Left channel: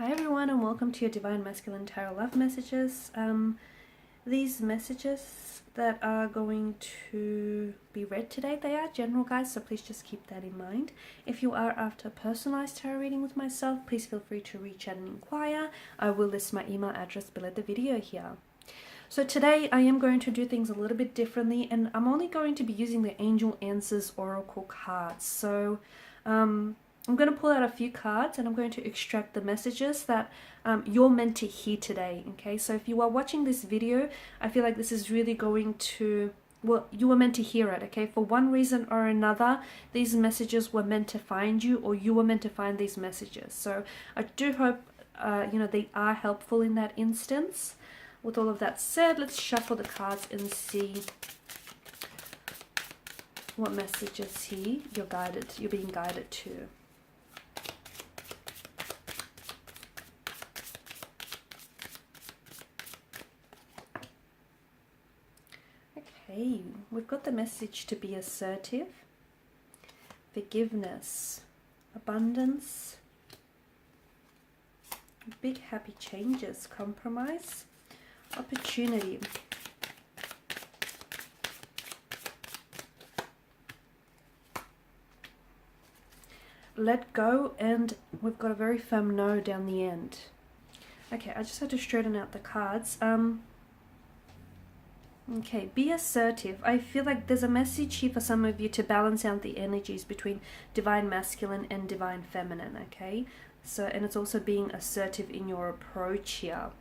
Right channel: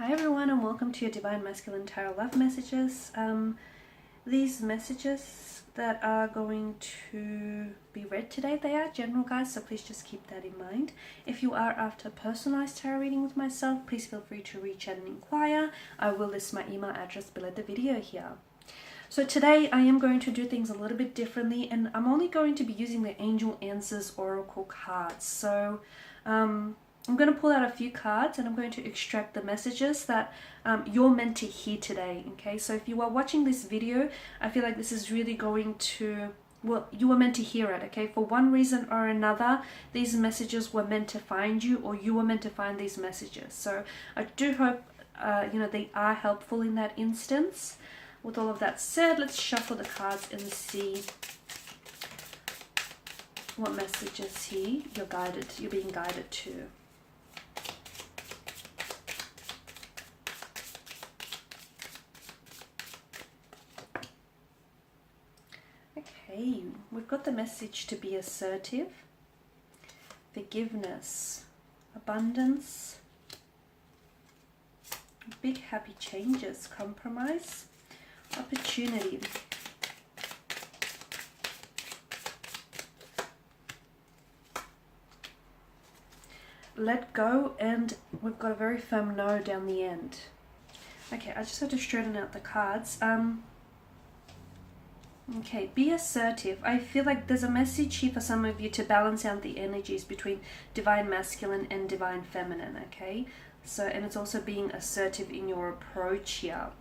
Hi everyone and welcome to your Divine Masculine Tarot Love Messages. These messages that are going to be read today, they are general guys, so please just keep that in mind. If you are after a personalized tarot reading with myself, please feel free to reach out and inquire. I will list my email address below the video here. So today I am going to do things a little bit differently, and I'm only going to be using the Angel Answers Oracle cards. So I'm going to pull out a few cards and I'm going to extract the messages that you're meant to hear today, okay? So if you are watching this video, I feel like this is really going to, well, you were meant to hear it, okay? For one reason or another, these messages were meant to find you, or you were meant to find these messages. So I do hope, they are helpful in that instance. With all of that said, let's shuffle the cards and see what messages here you're being guided to. Okay, we've got the message to be assertive, forgiveness, abundance, big happy changes, compromise, opportunity. Let go, and we've got a very firm no down the end. Okay, I just have to straighten out the cards. Okay, be assertive. I feel like there's a message here for some of you to balance out the energies between divine masculine and divine feminine, okay? So, and it's also being assertive in your approach here.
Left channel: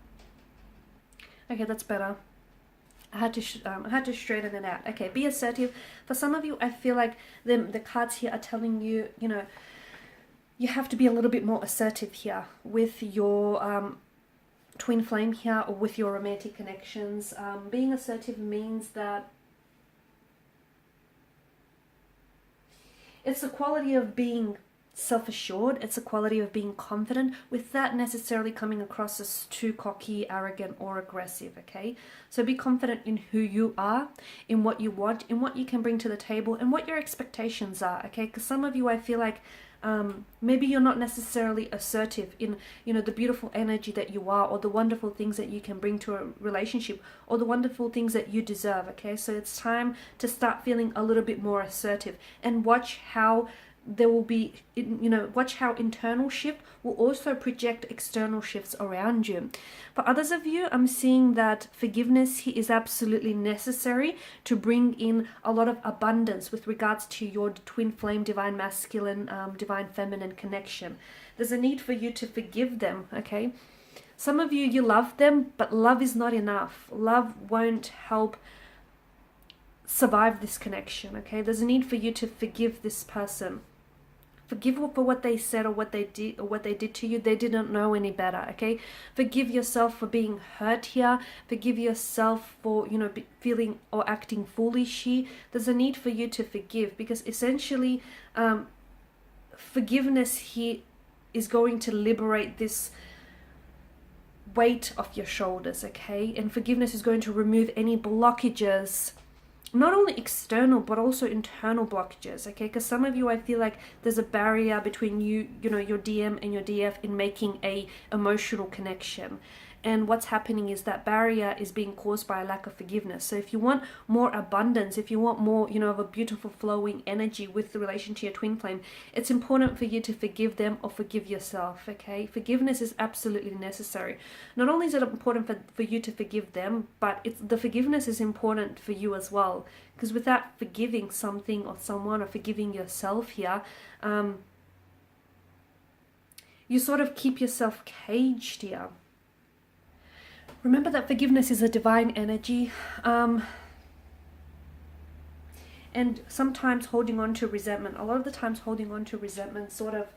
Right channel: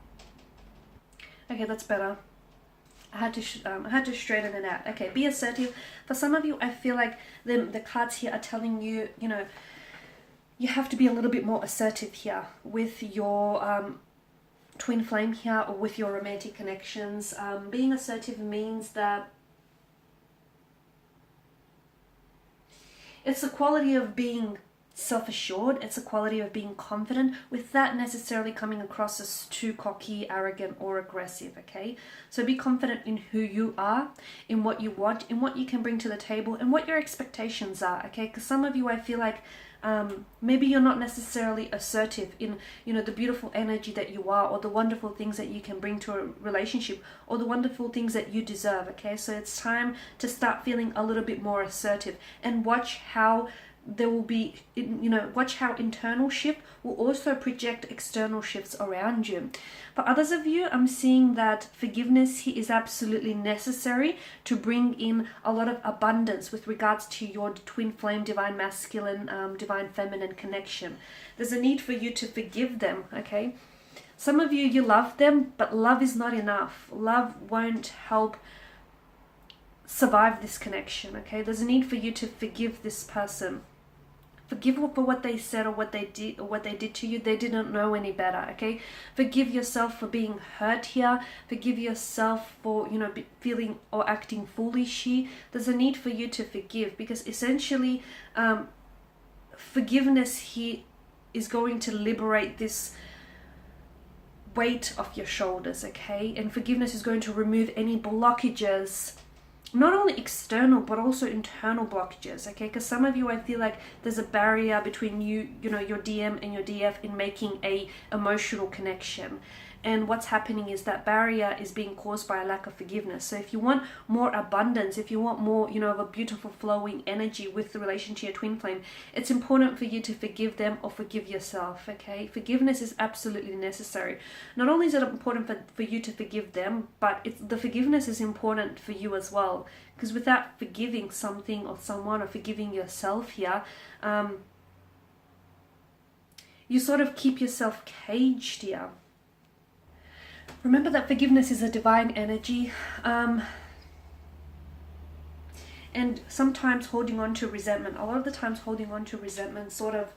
Okay, that's better. I had to straighten it out. Okay, be assertive. For some of you, I feel like the cards here are telling you, you have to be a little bit more assertive here with your twin flame here, or with your romantic connections. Being assertive means that it's the quality of being self-assured, it's a quality of being confident, without necessarily coming across as too cocky, arrogant, or aggressive, okay? So be confident in who you are, in what you want, in what you can bring to the table, and what your expectations are, okay? Because some of you, I feel like, maybe you're not necessarily assertive in, the beautiful energy that you are, or the wonderful things that you can bring to a relationship, or the wonderful things that you deserve, okay? So it's time to start feeling a little bit more assertive, and watch how there will be, watch how internal shift will also project external shifts around you. For others of you, I'm seeing that forgiveness here is absolutely necessary to bring in a lot of abundance with regards to your twin flame, divine masculine, divine feminine connection. There's a need for you to forgive them, okay? Some of you, you love them, but love is not enough. Love won't help survive this connection, okay? There's a need for you to forgive this person. Forgive them for what they said or what they did to you. They didn't know any better, okay? Forgive yourself for being hurt here. Forgive yourself for, feeling or acting foolish here. There's a need for you to forgive, because essentially forgiveness here is going to liberate this weight off your shoulders, okay? And forgiveness is going to remove any blockages, not only external but also internal blockages, okay? Because some of you, I feel like there's a barrier between you, your DM and your DF in making a emotional connection. And what's happening is that barrier is being caused by a lack of forgiveness. So if you want more abundance, if you want more, of a beautiful flowing energy with the relation to your twin flame, it's important for you to forgive them or forgive yourself, okay? Forgiveness is absolutely necessary. Not only is it important for you to forgive them, but the forgiveness is important for you as well. Because without forgiving something or someone, or forgiving yourself here, you sort of keep yourself caged here. Remember that forgiveness is a divine energy, and sometimes holding on to resentment, a lot of the times holding on to resentment sort of,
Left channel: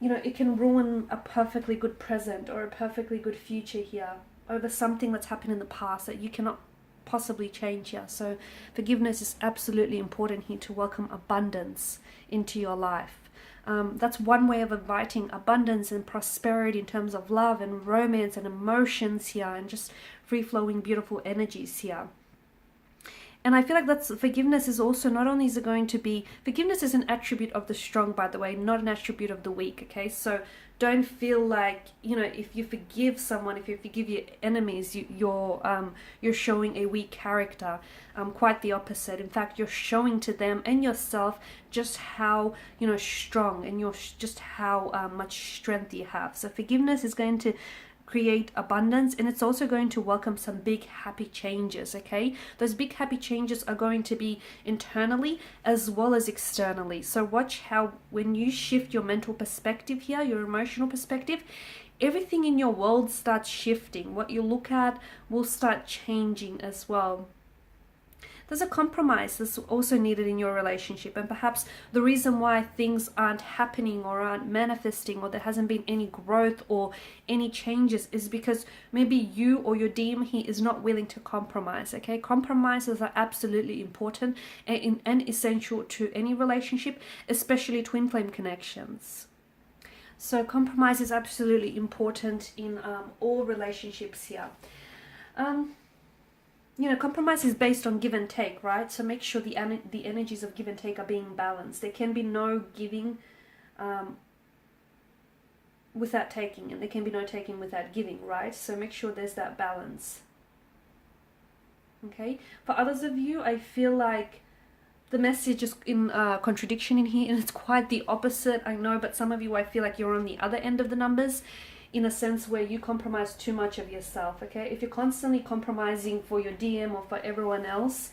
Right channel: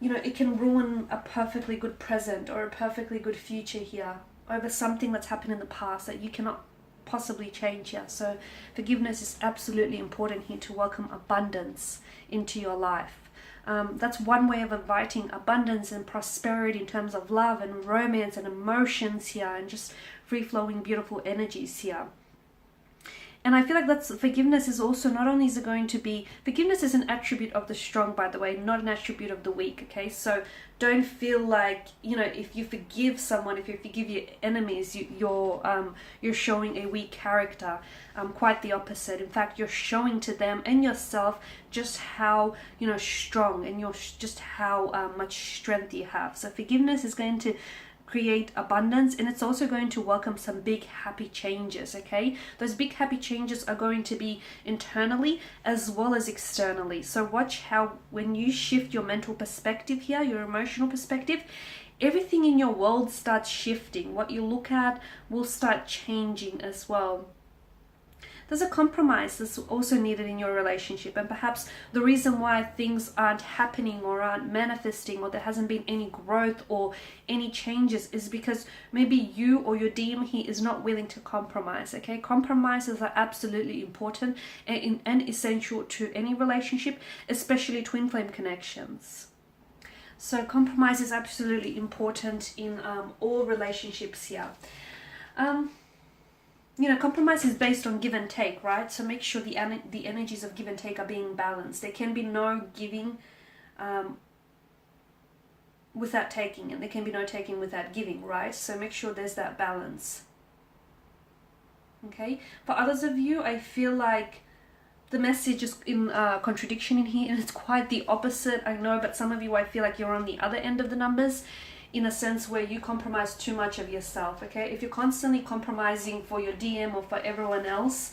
it can ruin a perfectly good present or a perfectly good future here over something that's happened in the past that you cannot possibly change here. So forgiveness is absolutely important here to welcome abundance into your life. That's one way of inviting abundance and prosperity in terms of love and romance and emotions here, and just free-flowing beautiful energies here. And I feel like that's forgiveness is also, not only is it going to be, forgiveness is an attribute of the strong, by the way, not an attribute of the weak, okay? So don't feel like, you know, if you forgive someone, if you forgive your enemies, you're showing a weak character. Quite the opposite. In fact, you're showing to them and yourself just how, you know, strong, and just how much strength you have. So forgiveness is going to create abundance, and it's also going to welcome some big happy changes. Okay, those big happy changes are going to be internally as well as externally. So watch how, when you shift your mental perspective here, your emotional perspective, everything in your world starts shifting. What you look at will start changing as well. There's a compromise that's also needed in your relationship, and perhaps the reason why things aren't happening or aren't manifesting, or there hasn't been any growth or any changes, is because maybe you or your DM here is not willing to compromise. Okay, compromises are absolutely important and essential to any relationship, especially twin flame connections. So compromise is absolutely important in all relationships here. You know, compromise is based on give and take, right? So make sure the energies of give and take are being balanced. There can be no giving without taking, and there can be no taking without giving, right? So make sure there's that balance. Okay? For others of you, I feel like the message is in contradiction in here, and it's quite the opposite, I know, but some of you, I feel like you're on the other end of the numbers, in a sense where you compromise too much of yourself. Okay, if you're constantly compromising for your DM or for everyone else,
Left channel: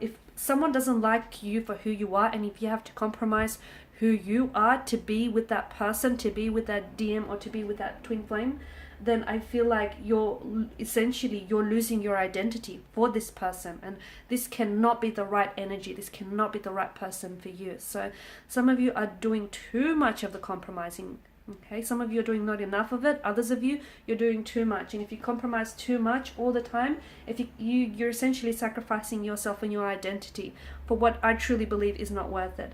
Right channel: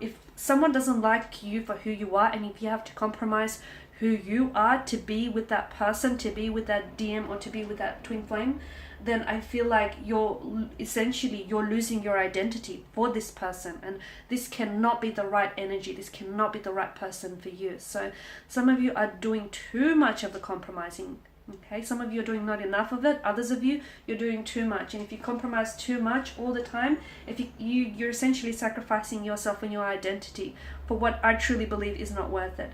if someone doesn't like you for who you are, and if you have to compromise who you are to be with that person, to be with that DM, or to be with that twin flame, then I feel like you're losing your identity for this person, and this cannot be the right energy. This cannot be the right person for you. So some of you are doing too much of the compromising. Okay, some of you are doing not enough of it. Others of you, you're doing too much. And if you compromise too much all the time, if you're essentially sacrificing yourself and your identity for what I truly believe is not worth it.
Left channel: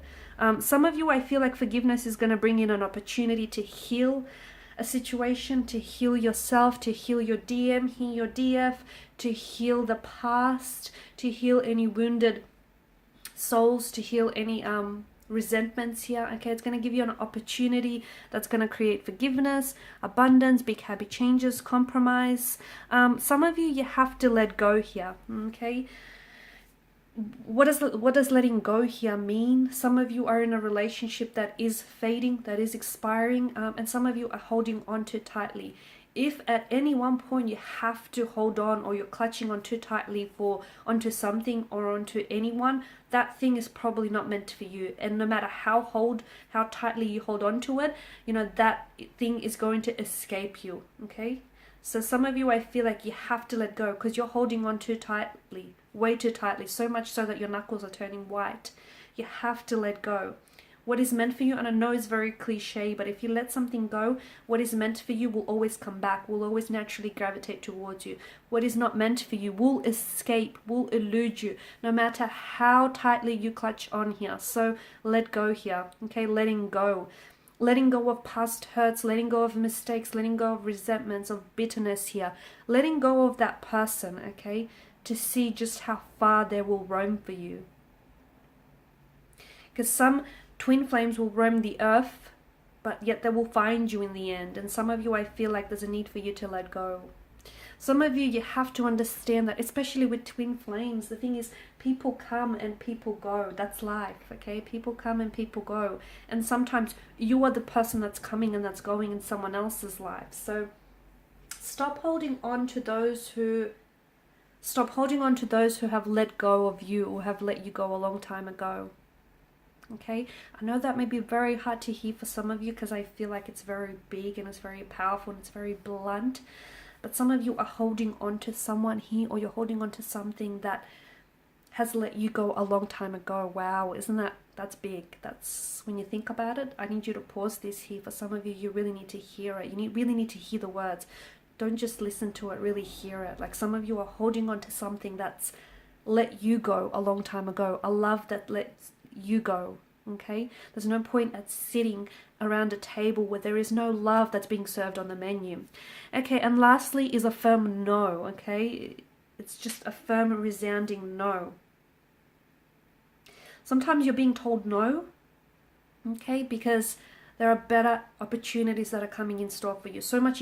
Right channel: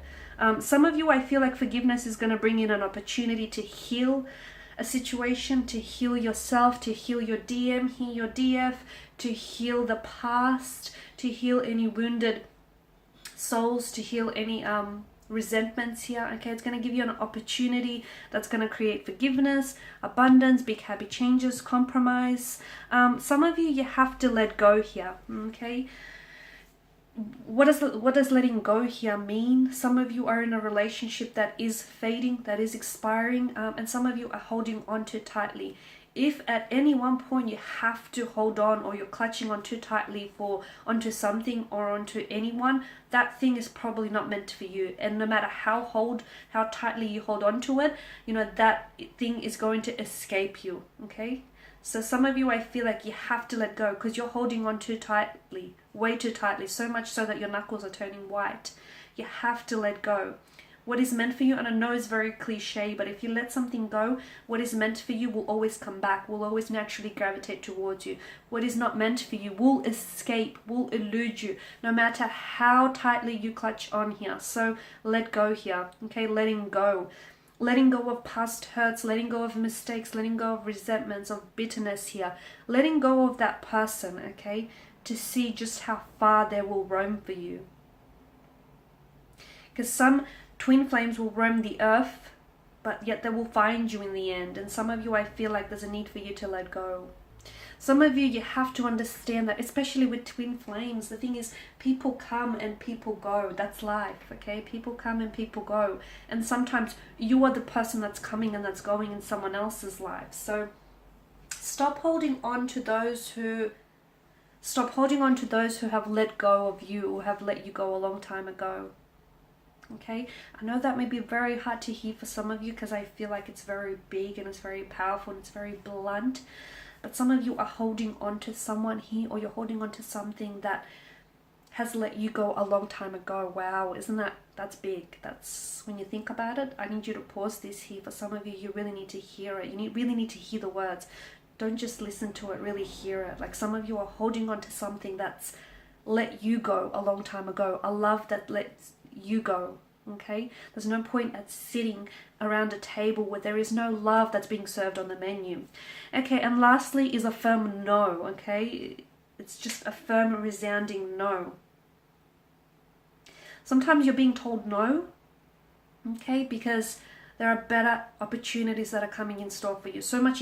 Some of you, I feel like forgiveness is going to bring in an opportunity to heal a situation, to heal yourself, to heal your DM, heal your DF, to heal the past, to heal any wounded souls, to heal any resentments here. Okay, it's going to give you an opportunity that's going to create forgiveness, abundance, big happy changes, compromise. Some of you have to let go here. Okay, what does letting go here mean? Some of you are in a relationship that is fading, that is expiring, and some of you are holding on too tightly. If at any one point you have to hold on, or you're clutching on too tightly onto something or onto anyone, that thing is probably not meant for you. And no matter how tightly you hold on to it, you know, that thing is going to escape you. Okay, so some of you, I feel like you have to let go because you're holding on too tightly, way too tightly, so much so that your knuckles are turning white. You have to let go. What is meant for you, and I know it's very cliche, but if you let something go, what is meant for you will always come back, will always naturally gravitate towards you. What is not meant for you will escape, will elude you, no matter how tightly you clutch on here. So let go here, okay? Letting go. Letting go of past hurts, letting go of mistakes, letting go of resentments, of bitterness here. Letting go of that person, okay? To see just how far they will roam for you. Because some twin flames will roam the earth, but yet they will find you in the end. And some of you, I feel like there's a need for you to let go. Some of you, you have to understand that, especially with twin flames, the thing is, people come and people go. That's life, okay? People come and people go. And sometimes you are the person that's coming and that's going in someone else's life. So stop holding on to those who have let go of you, or have let you go a long time ago. Okay, I know that may be very hard to hear for some of you, because I feel like it's very big and it's very powerful and it's very blunt. But some of you are holding on to someone here, or you're holding on to something that has let you go a long time ago. Wow, that's big. That's, when you think about it, I need you to pause this here. For some of you, you really need to hear it. You really need to hear the words. Don't just listen to it, really hear it. Like, some of you are holding on to something that's let you go a long time ago. A love that lets you go. Okay, there's no point at sitting around a table where there is no love that's being served on the menu. Okay, and lastly is a firm no. Okay, it's just a firm, resounding no. Sometimes you're being told no, okay, because There are better opportunities that are coming in store for you. So much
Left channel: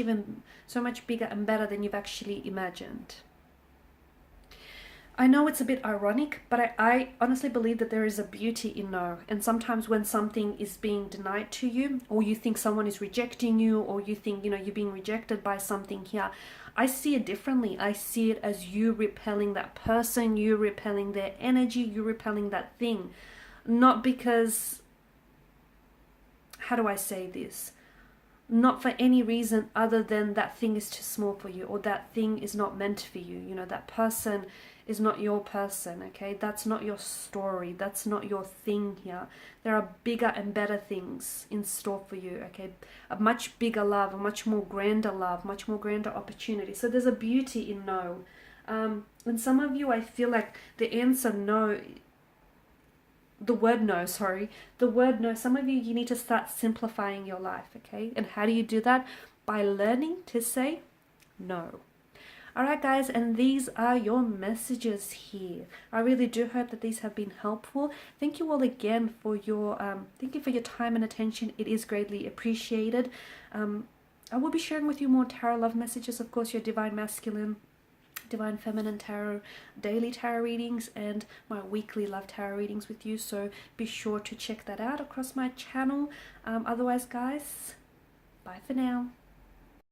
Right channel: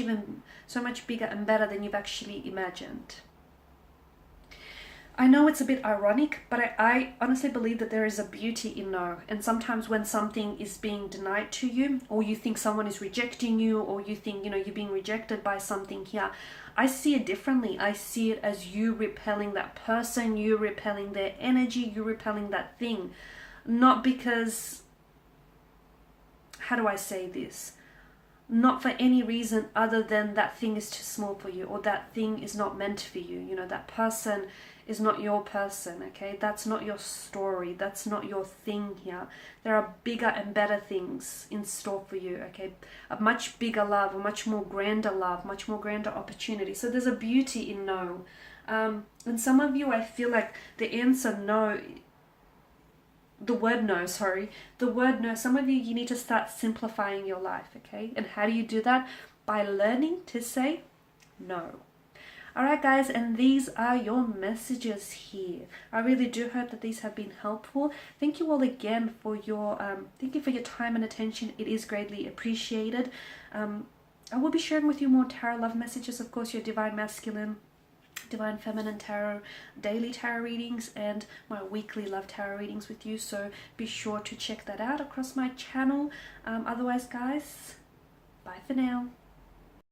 bigger and better than you've actually imagined. I know it's a bit ironic, but I honestly believe that there is a beauty in no. And sometimes when something is being denied to you, or you think someone is rejecting you, or you think, you're being rejected by something here, I see it differently. I see it as you repelling that person, you repelling their energy, you repelling that thing. Not because, how do I say this? Not for any reason other than that thing is too small for you, or that thing is not meant for you. That person is not your person, okay? That's not your story. That's not your thing here. There are bigger and better things in store for you, okay? A much bigger love, a much more grander love, much more grander opportunity. So there's a beauty in no. And some of you, I feel like the answer no, the word no, some of you need to start simplifying your life, okay? And how do you do that? By learning to say no. Alright guys, and these are your messages here. I really do hope that these have been helpful. Thank you all again for your time and attention. It is greatly appreciated. I will be sharing with you more tarot love messages, of course, your divine masculine, divine feminine tarot, daily tarot readings, and my weekly love tarot readings with you. So be sure to check that out across my channel. Otherwise guys, bye for now.